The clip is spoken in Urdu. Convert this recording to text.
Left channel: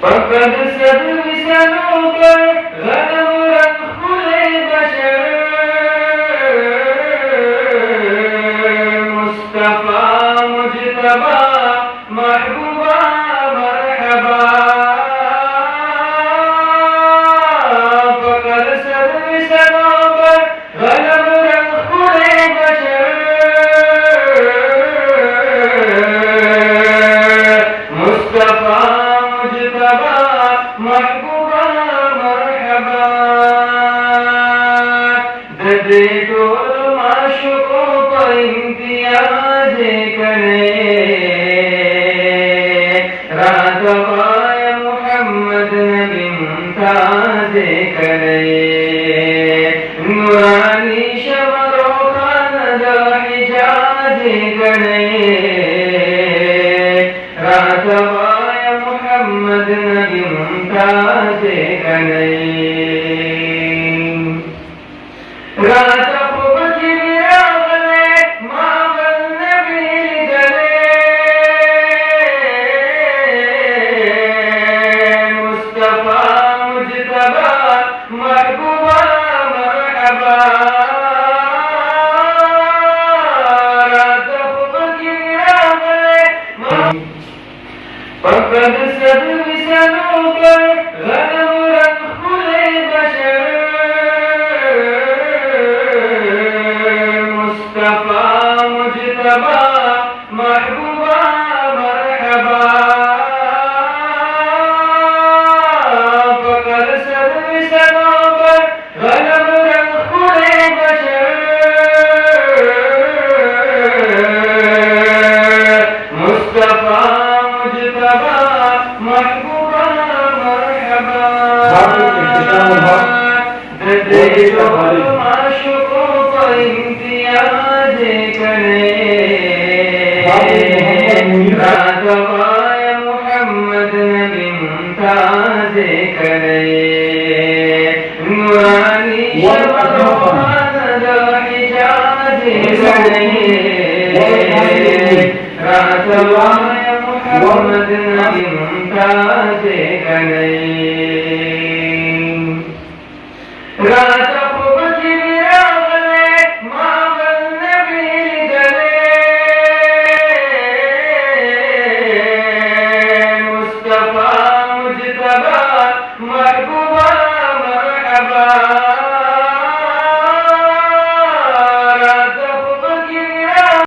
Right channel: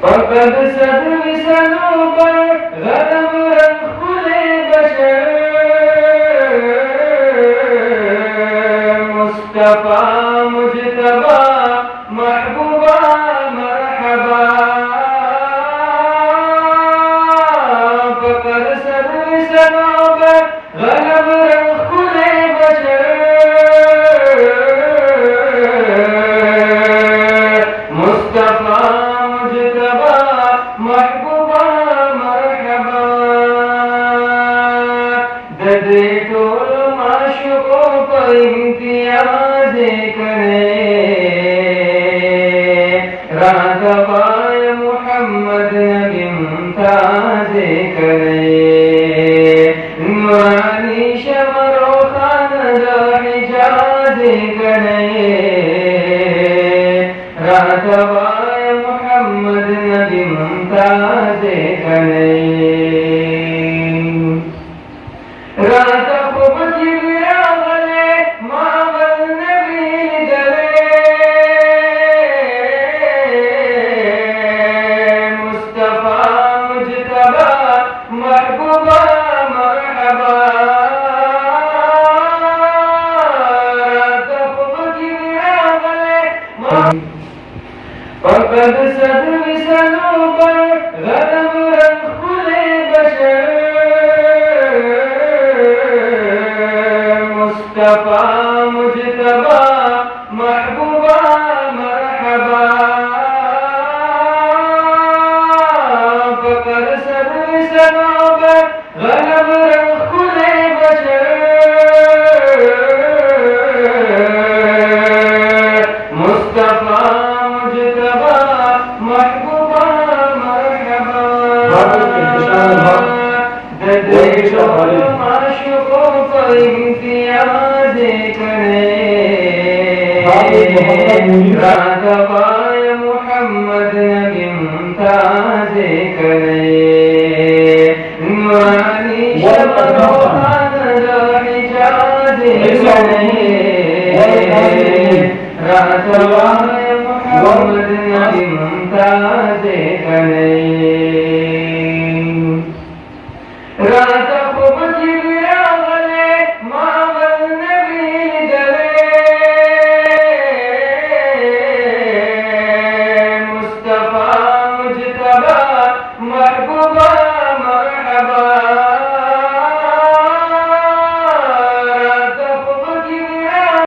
فقد سب سنوں پر غلب رکھل بشر مصطفیٰ مجتبیٰ محبوبہ مرحبا فقد سب سنوں پر غلب رکھل بشر مصطفیٰ مجتبیٰ محبوبہ مرحبا ددے ٹول معشوقوں پر امتیاز کرے راغبائے محمد نبی ممتاز کرے نورانی شمر و خاند حجاز کرے راغبائے محمد نبی ممتاز کرے رات خوب جبرا غلے ماول نبی گلے مصطفیٰ مجتبیٰ محبوبہ مرحبا رات خوب جبرا غلے فقد سب سنوں پر غلب رکھل بشر مصطفیٰ مجتبیٰ محبوبہ مرحبا فقد سب سنوں پر غلب رکھل بشر مصطفیٰ مجتبیٰ محبوبہ مرحبا معشوقوں پر امتیاز کرے راغبائے محمد نبی ممتاز کرے نورانی شمر و خاند حجاز کرے راغبائے محمد نبی ممتاز کرے